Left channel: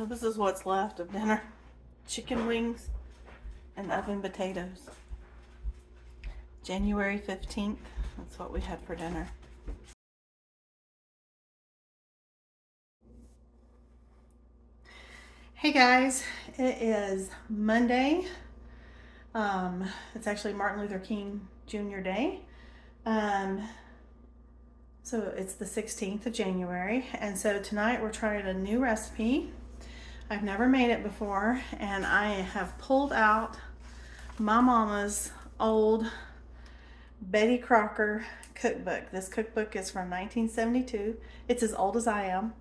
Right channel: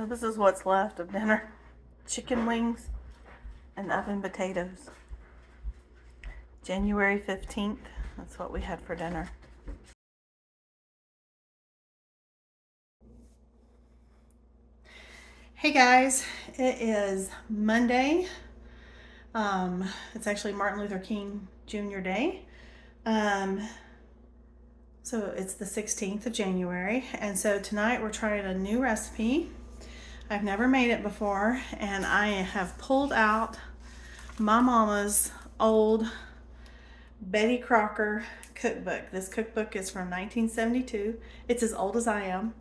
So this is what's left of dinner. Chicken wings and oven potatoes. January 15th, that's what we had for dinner. Hey guys, it is Monday. It's actually Martin Luther King Jr. Day. So it's the 16th of January, and so tonight we're trying a new recipe. I've never made it before, and I have pulled out my mama's old Betty Crocker cookbook. This cookbook is from 1972. It's as old as I am.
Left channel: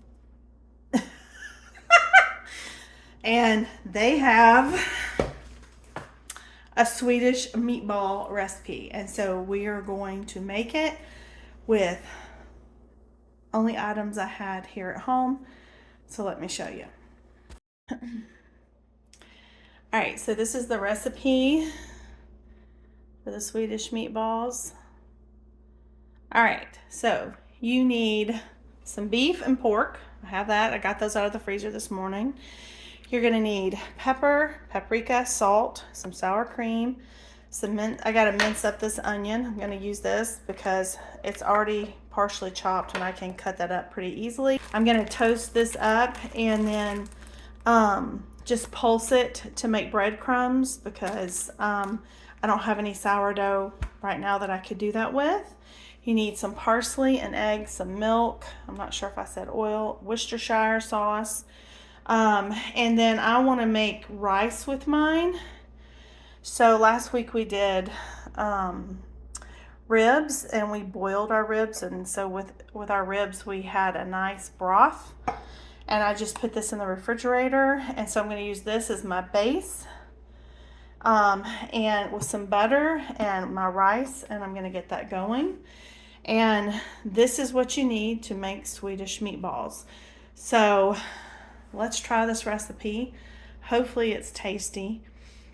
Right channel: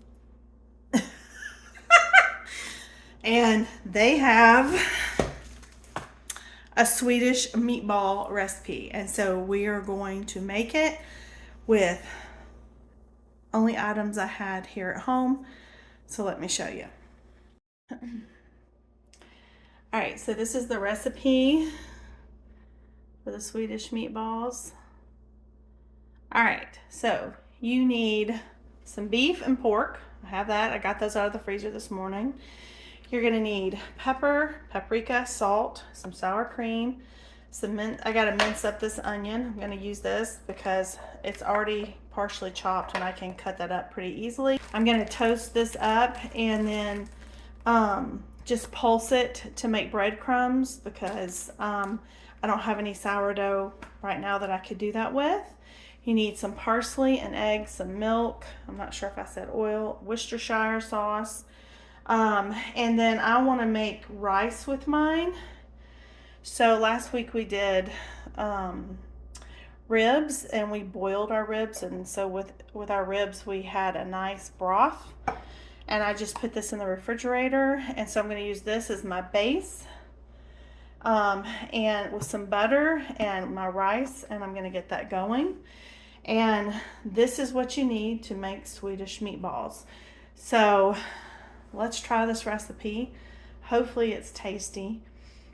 And they have a Swedish meatball recipe, and so we are going to make it with only items I had here at home. So let me show you. All right, so this is the recipe for the Swedish meatballs. All right, so you need some beef and pork. I have that. I got those out of the freezer this morning. You're gonna need pepper, paprika, salt, some sour cream, some mint. I gotta mince up this onion. I'm gonna use this because it's already partially chopped and I can cut that up pretty easily. I'm gonna toast this up and then just pulse it to make breadcrumbs because I don't have any sourdough right now that I could do that with. You need some parsley, an egg, some milk. I'm not sure if I said oil, Worcestershire sauce. And then I want to make rice with mine. So last week we did ribs, and we boiled our ribs, and so with our ribs we had a nice broth, and I just put this in the refrigerator, and so I'm going to use this as my base, and with some butter and my rice, and I'm going to get that going. And this is what you need to make Swedish meatballs. So let's try this recipe. Hopefully it's tasty.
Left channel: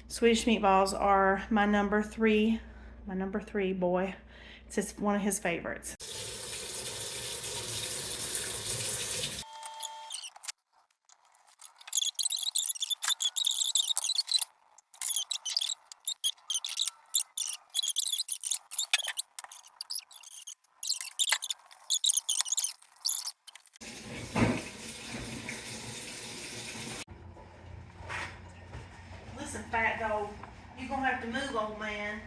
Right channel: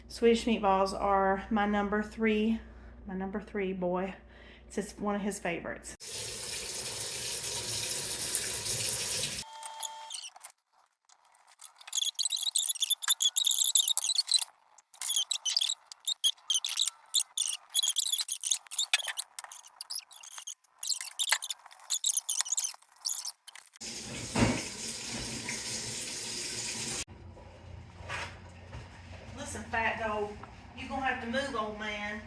Swedish meatballs are my number three boy. It's just one of his favorites. Listen, fat dog, you're gonna have to move, old man.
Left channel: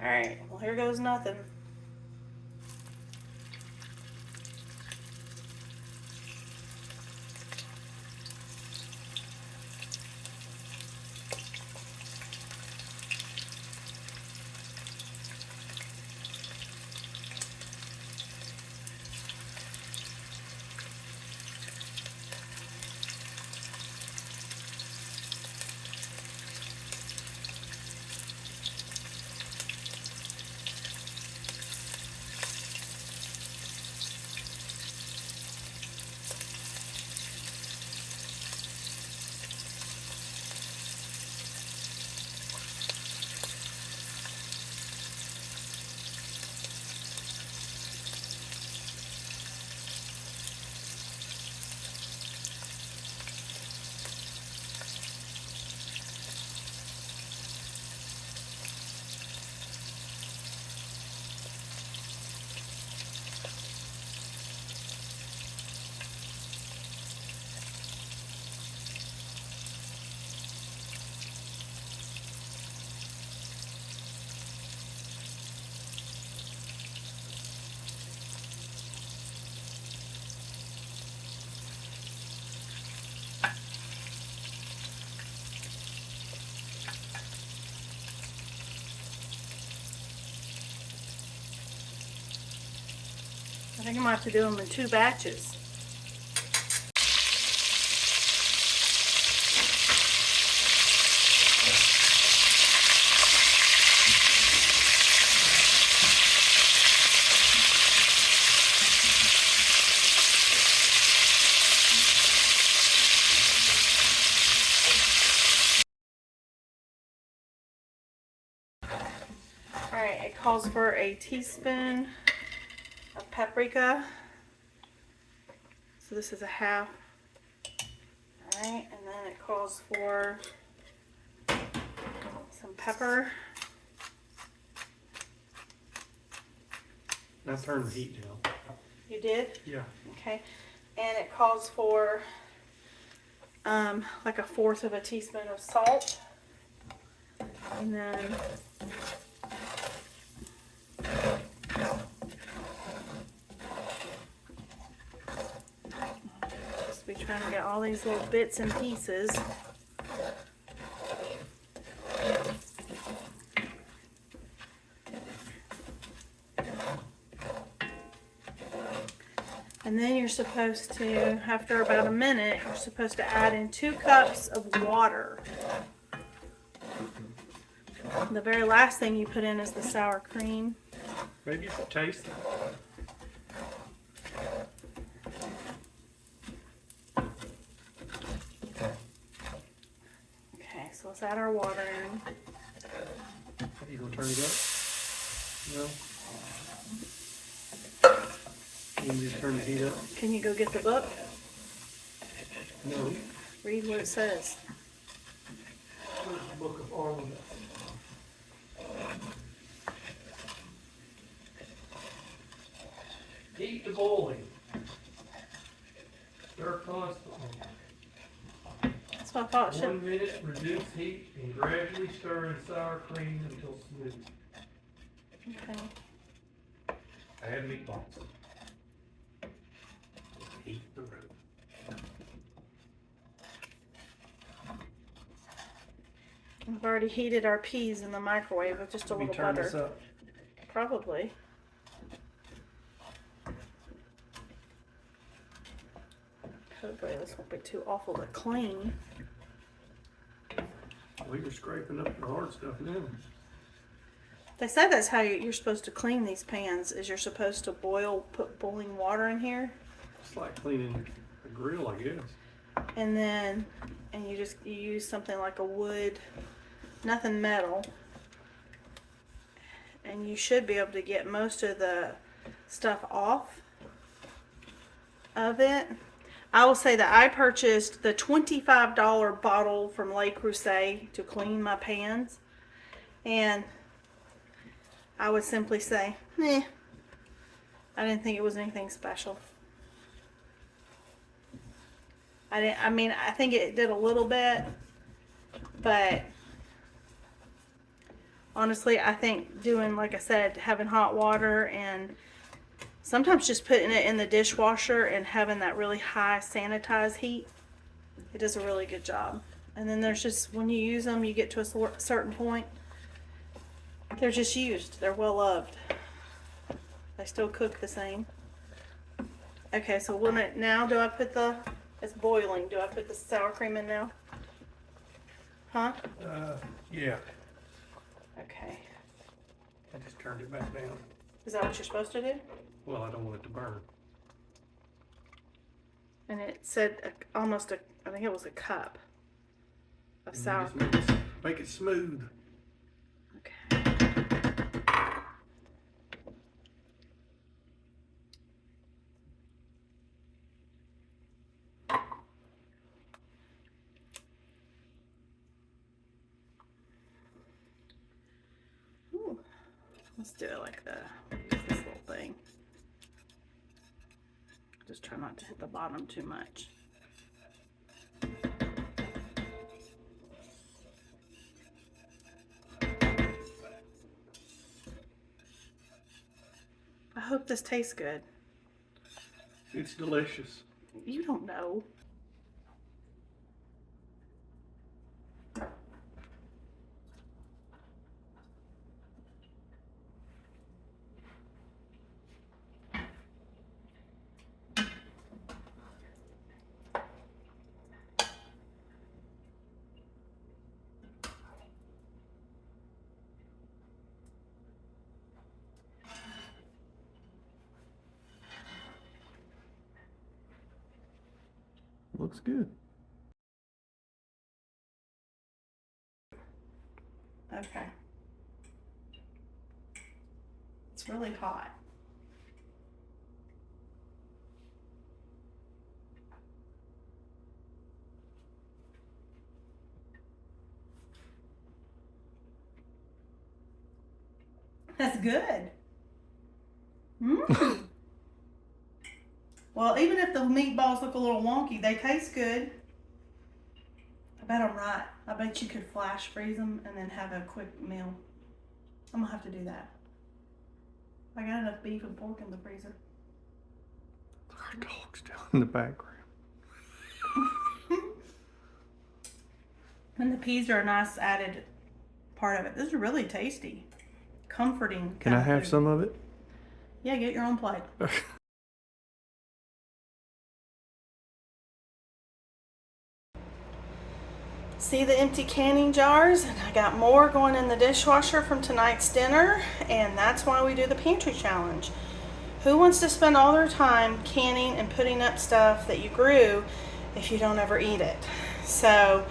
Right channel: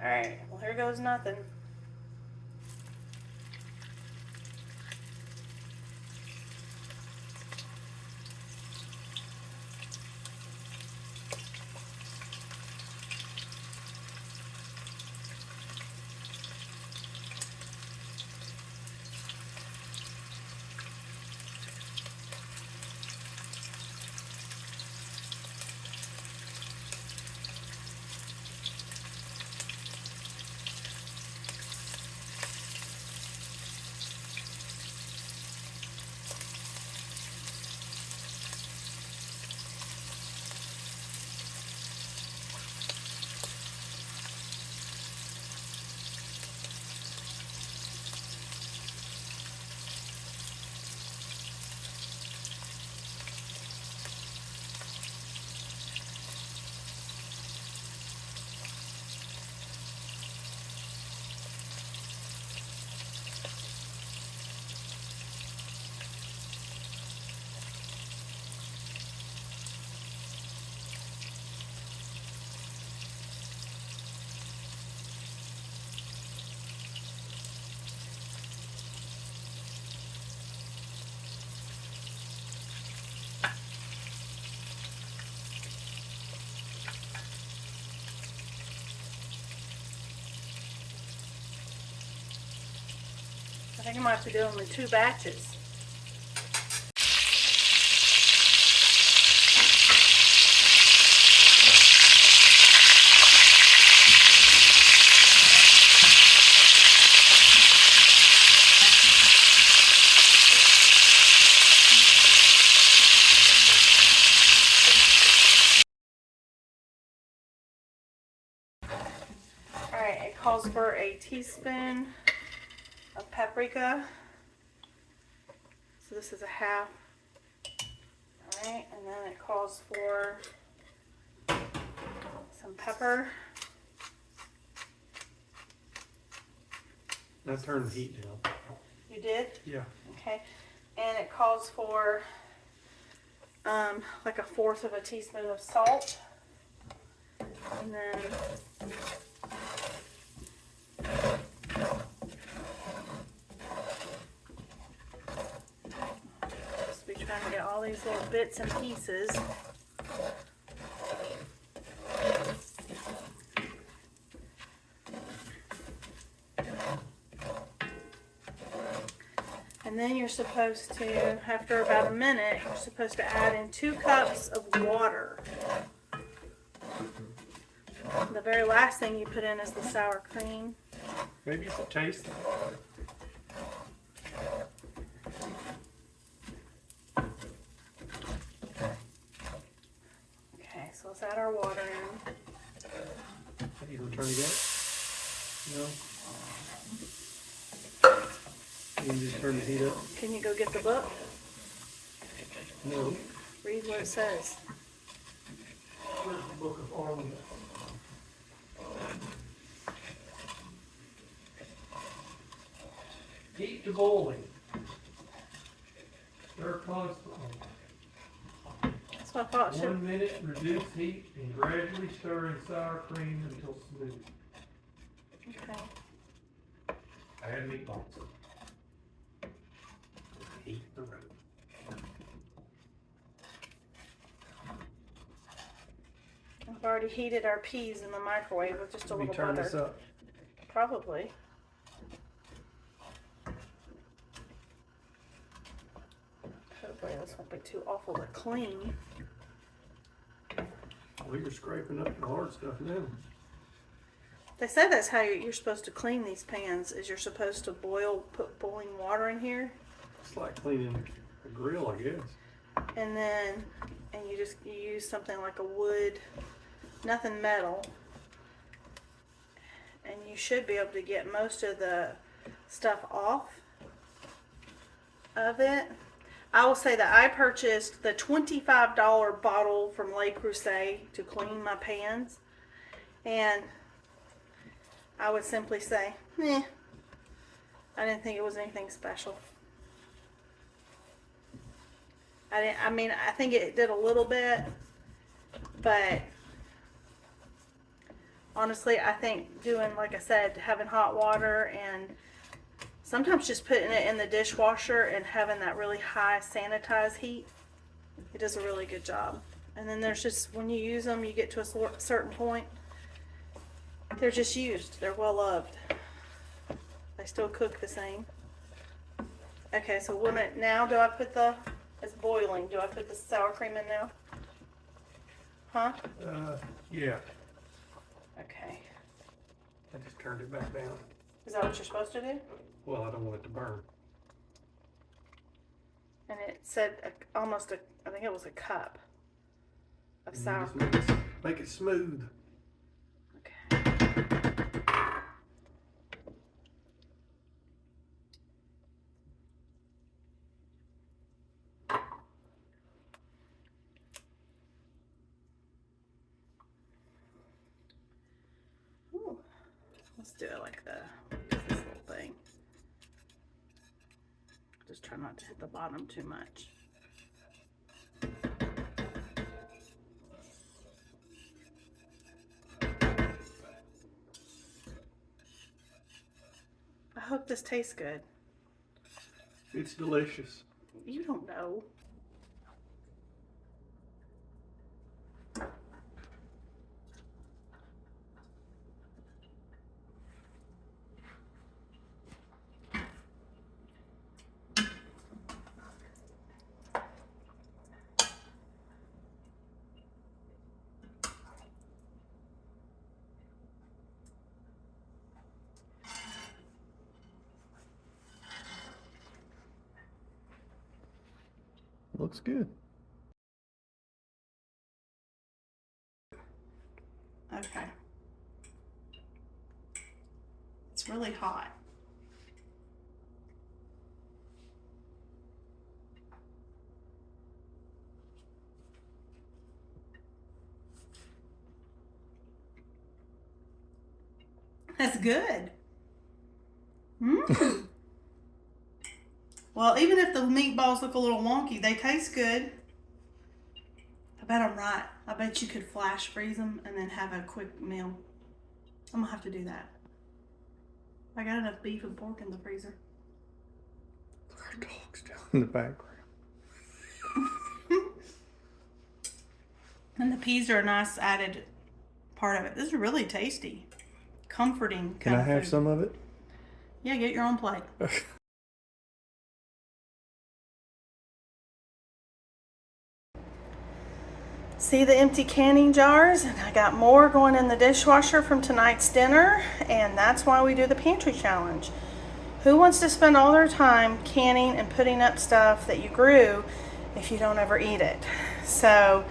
All right, well, here goes nothing. I think I might have to do them in 2 batches. calls for a teaspoon of paprika. So this is a half. Alright, and then it calls for some pepper. I turned the heat down. You did? Yeah. Okay. And it calls for like a fourth of a teaspoon of salt. And then just be trying to get all these little bits and pieces. And then you're supposed to, after about a minute, you're supposed to add in 2 cups of water. The very last thing you put in is the sour cream. Maybe you could taste it. Okay, so let's add our water in. Are you gonna turn it up? No. You can just turn the heat up. Can you go get the book? No. Read what it says. Where's the book of ornaments? Heat to boiling. Stir constantly. That's what I thought. 1 minute, reduce heat, and gradually stir in sour cream until smooth. Okay. Add meatballs. Heat the room. I've already heated our peas in the microwave with just a little turn this butter. up. Probably. Hopefully this won't be too awful to clean. Well, you're scraping up the hard stuff now. They say that's how you're supposed to clean these pans, is you're supposed to put boiling water in here. It's like cleaning a grill, I guess. And then, you use something like a wood, nothing metal. And you should be able to get most of the stuff off of it. I will say that I purchased the $25 bottle from Le Creuset to clean my pans. And I would simply say, I didn't think it was anything special. I think it did a little bit, but honestly, I think doing, like I said, having hot water and sometimes just putting it in the dishwasher and having that really high sanitized heat, it does a really good job. And then there's just, when you use them, you get to a certain point, they're just used. They're well loved. They still cook the same. Okay, so now do I put it's boiling. Do I put the sour cream in now? Huh? Yeah. Okay. I just turned it back down. Is that what you're supposed to do? Well, I don't want it to burn. And it said I think it was a cup of And sour you just make it smooth. Okay. Ooh. Let's do it like this little thing. Just try not to hit the bottom too much. I hope this tastes good. It's delicious. You don't know. Looks good. Okay. really hot. That's good. Mmm. Well, even if the meatballs look a little wonky, they taste good. I bet I'm right. I bet you could flash freeze them and then have a quick meal. I'm gonna have to do that. I got enough beef and pork in the freezer. Our dog's down in the background. And the peas are a nice added part of it. This is really tasty. Comforting. Can I have food. some of it? Yeah, get your own plate. See the empty canning jars? And I got more going in the dishwasher from tonight's dinner, and that's why we do the pantry challenge. Who wants to spend all their time canning and putting up stuff that you grew if you don't ever eat it? So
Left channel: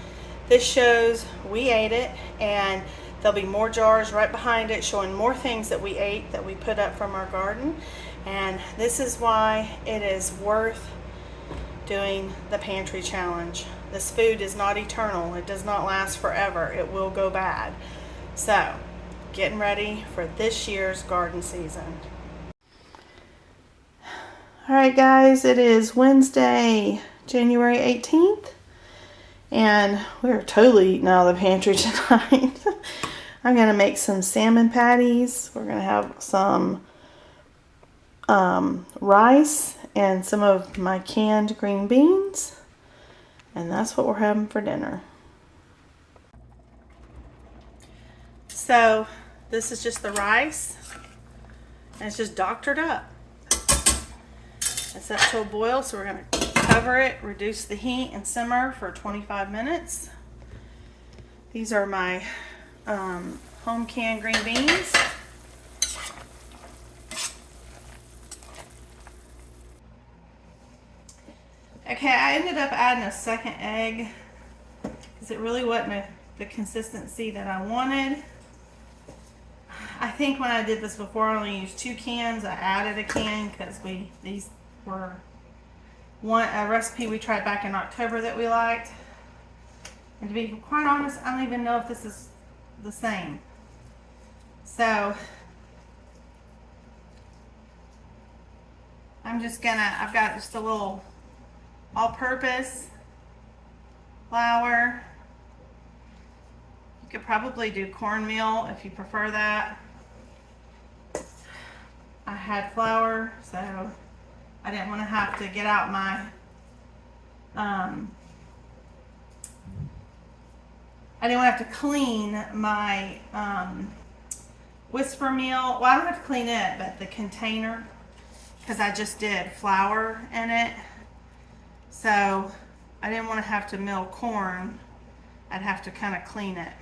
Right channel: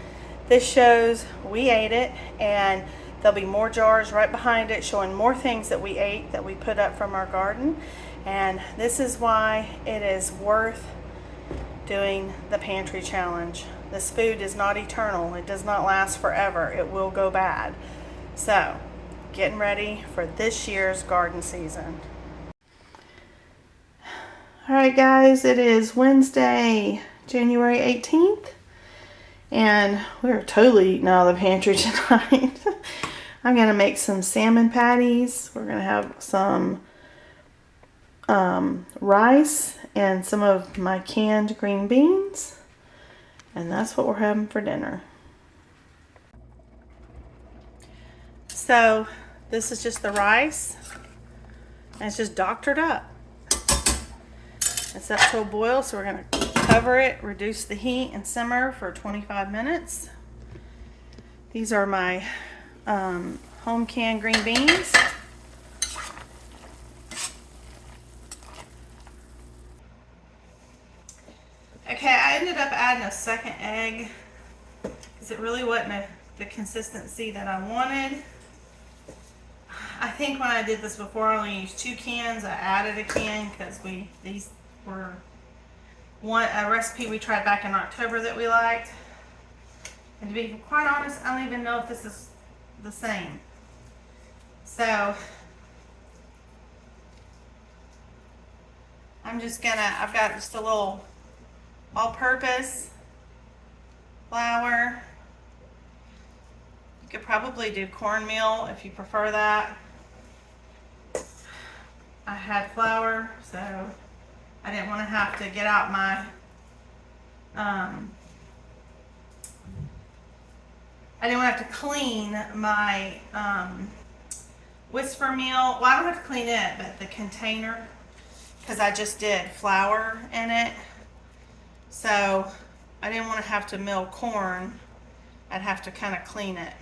this shows we ate it, and there'll be more jars right behind it showing more things that we ate that we put up from our garden. And this is why it is worth doing the pantry challenge. This food is not eternal. It does not last forever. It will go bad. So, getting ready for this year's garden season. All right, guys, it is Wednesday, January 18th, and we're totally eating out of the pantry tonight. I'm gonna make some salmon patties. We're gonna have some rice and some of my canned green beans. And that's what we're having for dinner. So this is just the rice. And it's just doctored up. It's up to a boil, so we're going to cover it, reduce the heat, and simmer for 25 minutes. These are my home canned green beans. Okay, I ended up adding a second egg because it really wasn't the consistency that I wanted. I think when I did this before, I only used 2 cans. I added a can because these were a recipe we tried back in October that we liked. And to be quite honest, I don't even know if this is the same. So I've got just a little all-purpose flour. You could probably do cornmeal if you prefer that. I had flour, so I didn't want to have to get out my I didn't want to have to clean my Whisper meal. Well, I don't have to clean it, but the container, because I just did flour in it. So I didn't want to have to mill corn. I'd have to kind of clean it.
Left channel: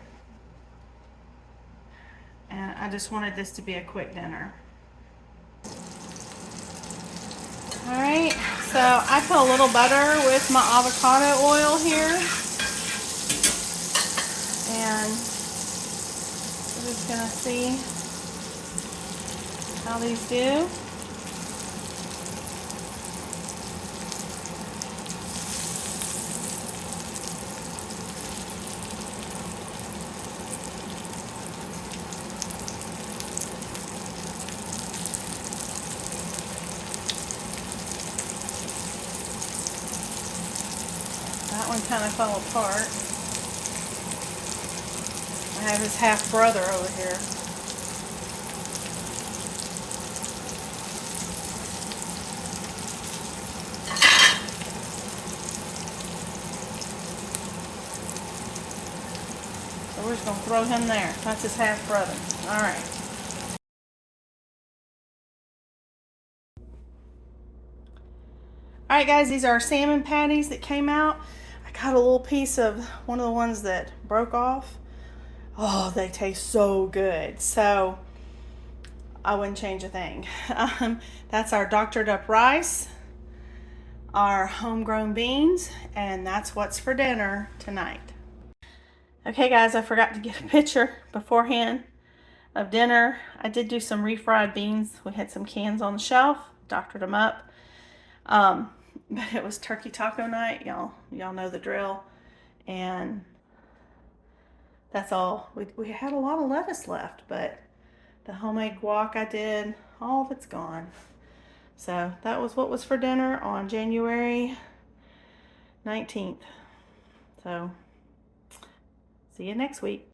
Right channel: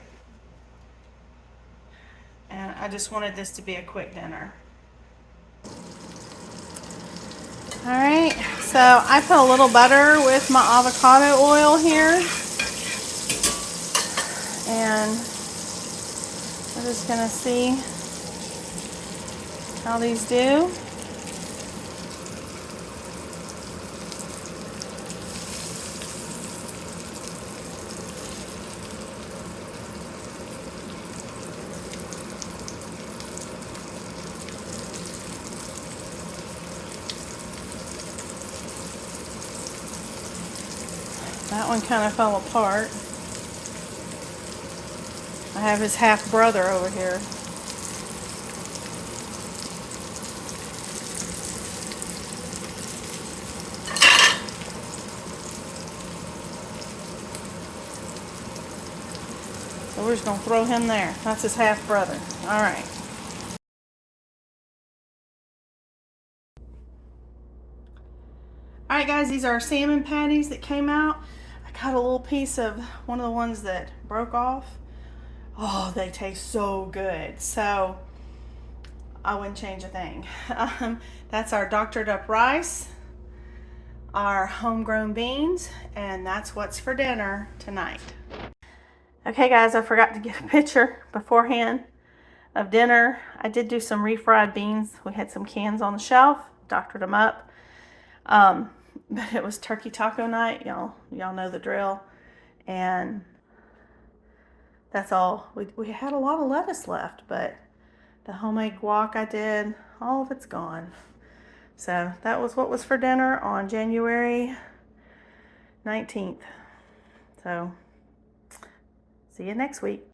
And I just wanted this to be a quick dinner. Alright, so I put a little butter with my avocado oil here. And we're just going to see how these do. That one kind of fell apart. I have his half brother over here. So we're just going to throw him there. That's his half brother. All right. All right, guys, these are salmon patties that came out. I got a little piece of one of the ones that broke off. Oh, they taste so good. So I wouldn't change a thing. That's our doctored up rice, our homegrown beans, and that's what's for dinner tonight. Okay, guys, I forgot to get a picture beforehand of dinner. I did do some refried beans. We had some cans on the shelf, doctored them up. But it was turkey taco night. Y'all know the drill. And that's all. We had a lot of lettuce left, but the homemade guac I did, all of it's gone. So that was what was for dinner on January 19th. So see you next week.